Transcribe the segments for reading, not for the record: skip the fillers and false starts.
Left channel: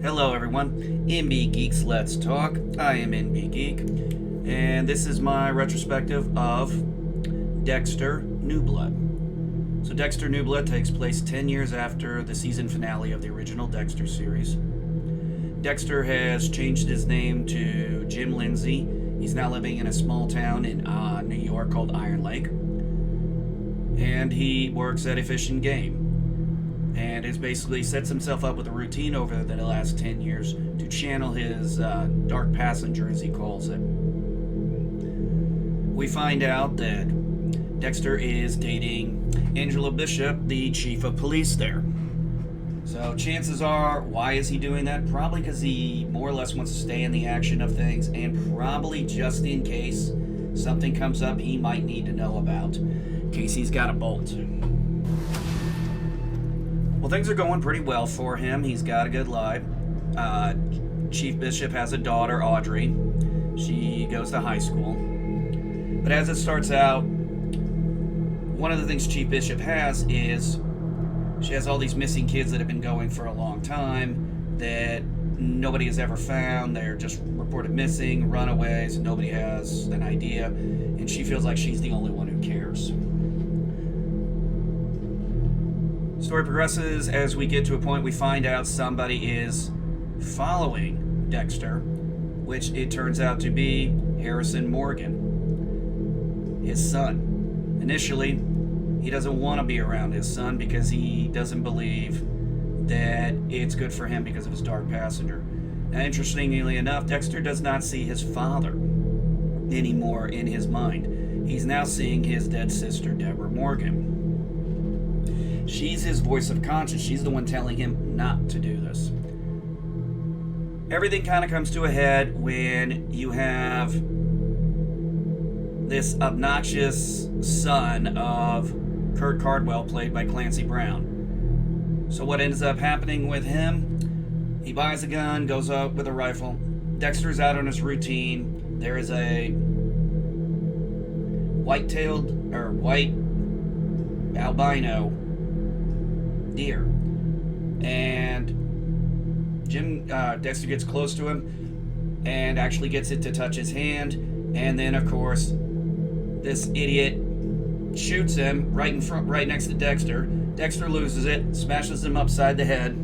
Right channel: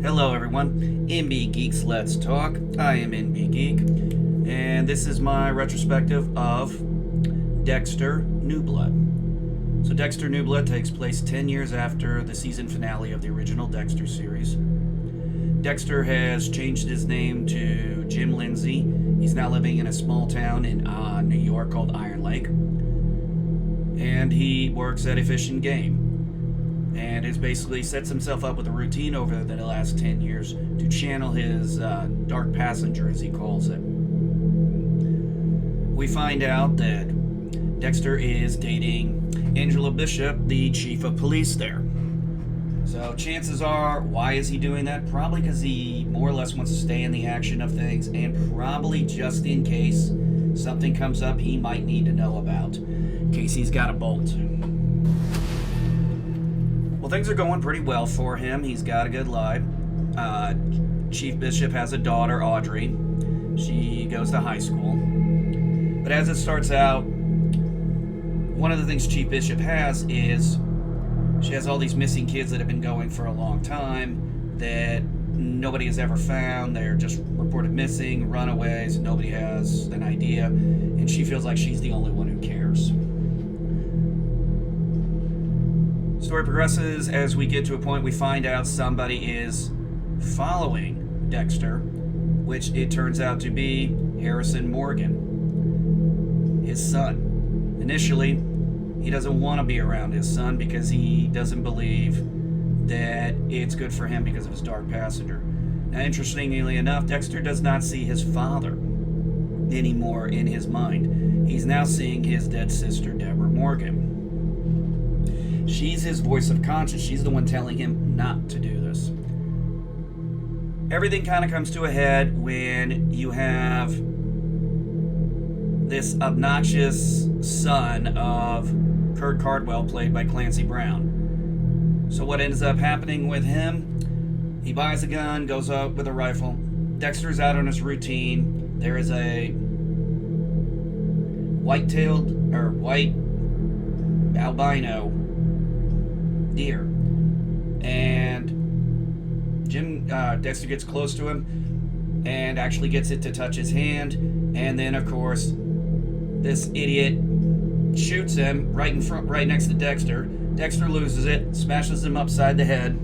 Hello everyone, NB Geeks Let's Talk. I am NB Geek, and this is my retrospective of Dexter New Blood. So Dexter New Blood takes place 10 years after the season finale of the original Dexter series. Dexter has changed his name to Jim Lindsay. He's now living in a small town in New York called Iron Lake, and he works at a fish and game. And has basically sets himself up with a routine over the last 10 years to channel his dark passenger, as he calls it. We find out that Dexter is dating Angela Bishop, the chief of police there. So chances are, why is he doing that? Probably because he more or less wants to stay in the action of things, and probably just in case something comes up he might need to know about, in case he's got a bolt. Well, things are going pretty well for him. He's got a good life. Chief Bishop has a daughter, Audrey. She goes to high school. But as it starts out, one of the things Chief Bishop has is she has all these missing kids that have been going for a long time that nobody has ever found. They're just reported missing, runaways. Nobody has an idea. And she feels like she's the only one who cares. Story progresses as we get to a point we find out somebody is following Dexter, which it turns out to be Harrison Morgan, his son. Initially, he doesn't want to be around his son because he doesn't believe that it's good for him because of his dark passenger. Now, interestingly enough, Dexter does not see his father anymore in his mind. He's now seeing his dead sister, Deborah Morgan. She's his voice of conscience. She's the one telling him not to do this. Everything kind of comes to a head when you have this obnoxious son of Kirk Caldwell, played by Clancy Brown. So what ends up happening with him, he buys a gun, goes out with a rifle. Dexter's out on his routine. There is a white albino deer, and Dexter gets close to him and actually gets it to touch his hand, and then of course this idiot shoots him right in front, right next to Dexter. Dexter loses it, smashes him upside the head,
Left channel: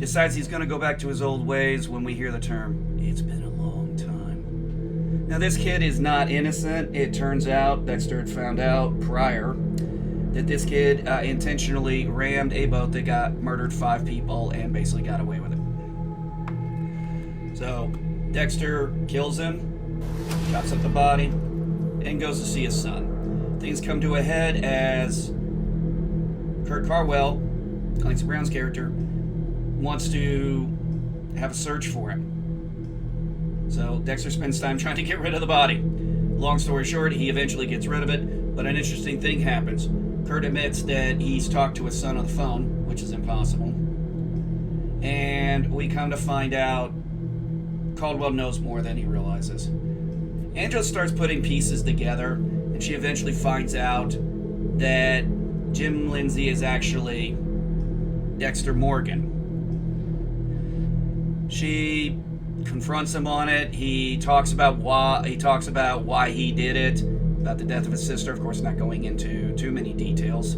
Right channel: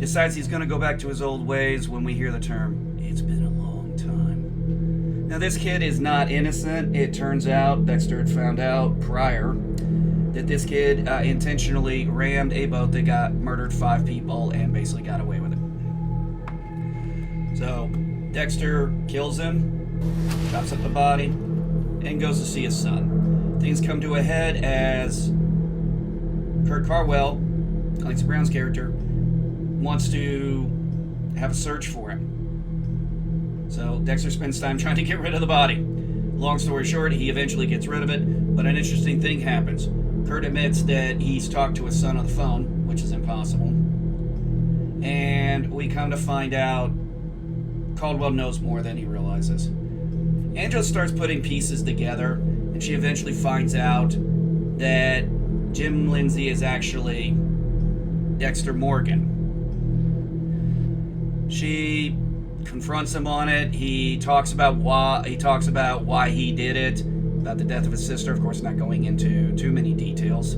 decides he's going to go back to his old ways when we hear the term, "It's been a long time." Now this kid is not innocent. It turns out Dexter had found out prior that this kid intentionally rammed a boat that murdered 5 people and basically got away with it. So Dexter kills him, chops up the body, and goes to see his son. Things come to a head as Kirk Caldwell, Clancy Brown's character, wants to have a search for him. So Dexter spends time trying to get rid of the body. Long story short, he eventually gets rid of it, but an interesting thing happens. Kurt admits that he's talked to his son on the phone, which is impossible. And we come to find out Caldwell knows more than he realizes. Angela starts putting pieces together, and she eventually finds out that Jim Lindsay is actually Dexter Morgan. She confronts him on it. He talks about why he did it. About the death of his sister, of course, not going into too many details.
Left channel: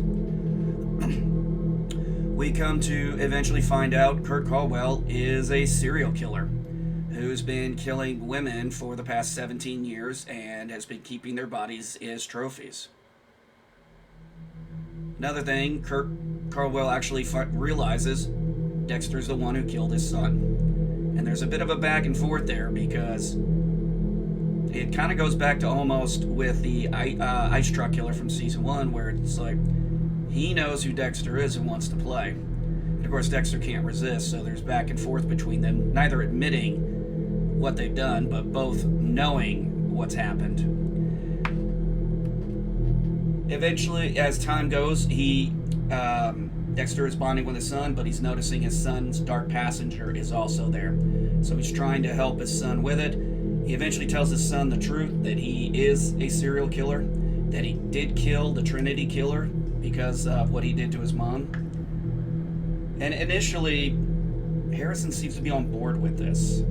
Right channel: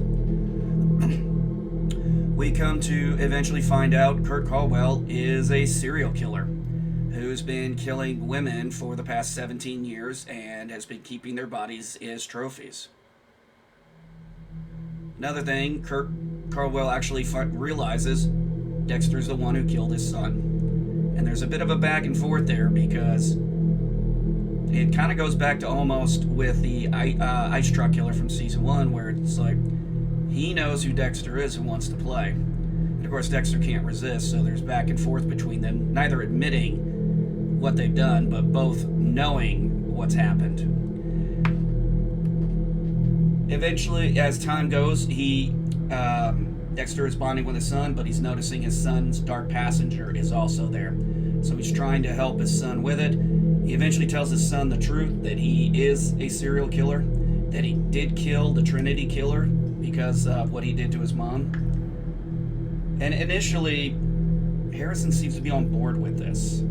We come to eventually find out Kirk Caldwell is a serial killer who's been killing women for the past 17 years and has been keeping their bodies as trophies. Another thing, Kirk Caldwell actually realizes Dexter's the one who killed his son. And there's a bit of a back and forth there because it kind of goes back to almost with the ice truck killer from season 1, where it's like he knows who Dexter is and wants to play. And of course, Dexter can't resist, so there's back and forth between them, neither admitting what they've done, but both knowing what's happened. Eventually, as time goes, Dexter is bonding with his son, but he's noticing his son's dark passenger is also there. So he's trying to help his son with it. He eventually tells his son the truth, that he is a serial killer, that he did kill the Trinity killer because of what he did to his mom. And initially, Harrison seems to be on board with this.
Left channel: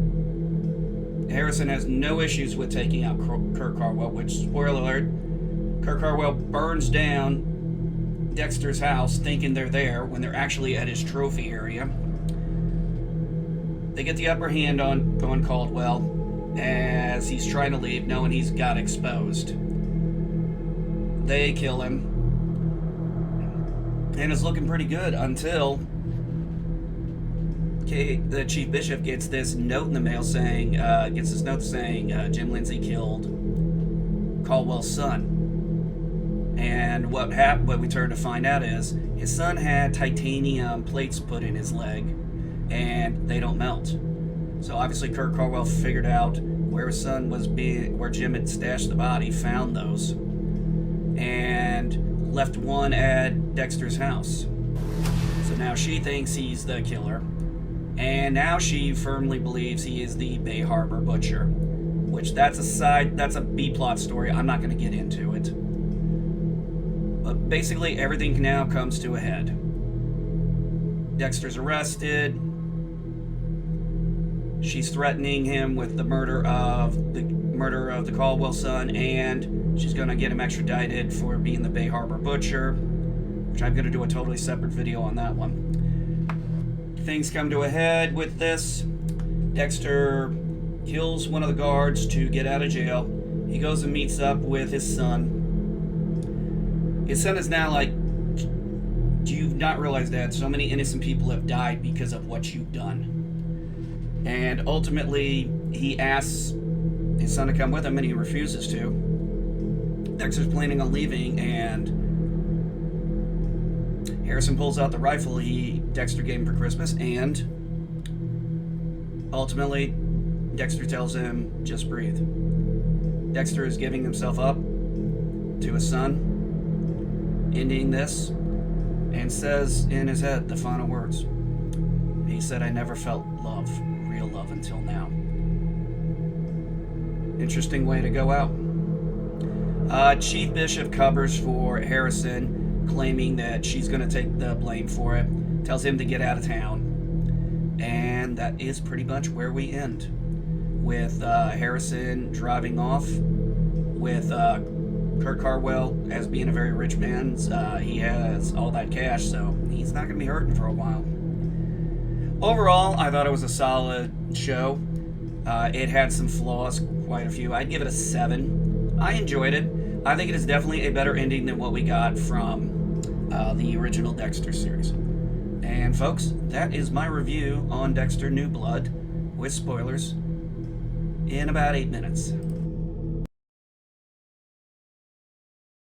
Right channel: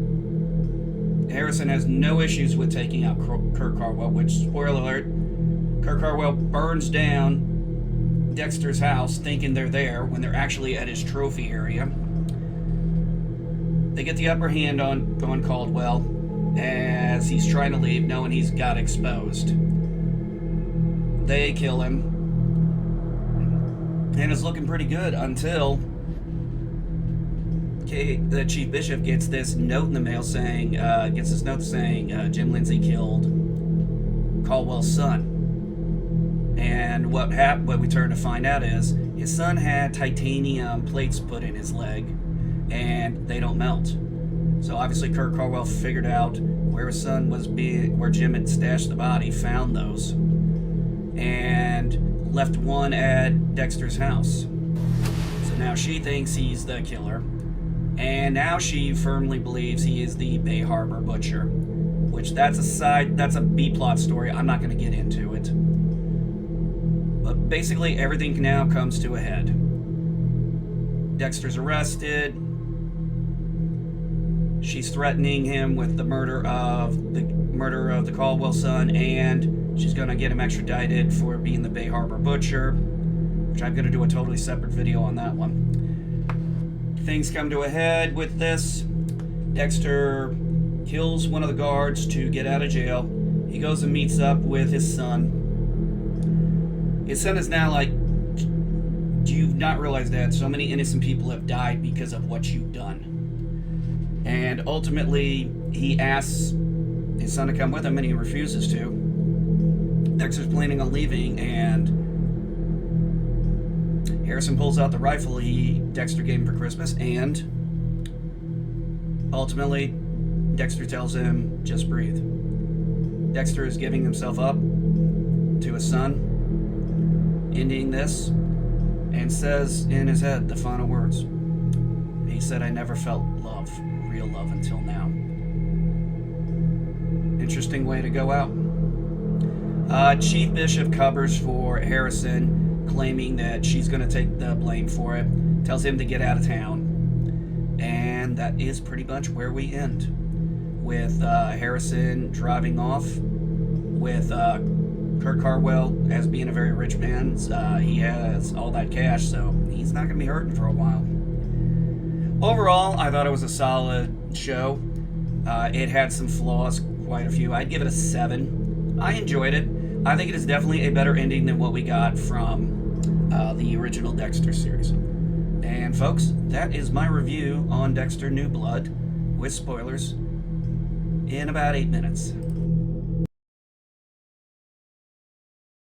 Harrison has no issues with taking out Kirk Caldwell, which, spoiler alert, Kirk Caldwell burns down Dexter's house thinking they're there when they're actually at his trophy area. They get the upper hand on Caldwell as he's trying to leave, knowing he's got exposed. They kill him. And it's looking pretty good until the Chief Bishop gets this note in the mail saying, Jim Lindsay killed Caldwell's son. And what we turn to find out is his son had titanium plates put in his leg, and they don't melt. So obviously Kirk Caldwell figured out where his son was where Jim had stashed the body, found those, and left one at Dexter's house. So now she thinks he's the killer. And now she firmly believes he is the Bay Harbor Butcher, which that's a B-plot story. I'm not going to get into it. But basically, everything now comes to a head. Dexter's arrested. She's threatening him with the murder of the Caldwell son, and she's going to get him extradited for being the Bay Harbor Butcher, which I'm going to do a totally separate video on that one. Things come to a head with this. Dexter kills one of the guards to get out of jail. He goes and meets up with his son. His son is now like, do you not realize that so many innocent people have died because of what you've done? And ultimately, he asks his son to come with him, and he refuses to. Dexter's planning on leaving, and Harrison pulls out the rifle Dexter gave him for Christmas, and ultimately, Dexter tells him, just breathe. Dexter is giving himself up to his son, ending this, and says in his head the final words. He said, I never felt love, real love, until now. Interesting way to go out. Chief Bishop covers for Harrison, claiming that she's going to take the blame for it, tells him to get out of town, and that is pretty much where we end, with Harrison driving off, with Kirk Caldwell as being a very rich man. He has all that cash, so he's not going to be hurting for a while. Overall, I thought it was a solid show. It had some flaws, quite a few. I'd give it a 7. I enjoyed it. I think it is definitely a better ending than what we got from the original Dexter series. And folks, that is my review on Dexter New Blood, with spoilers, in about 8 minutes.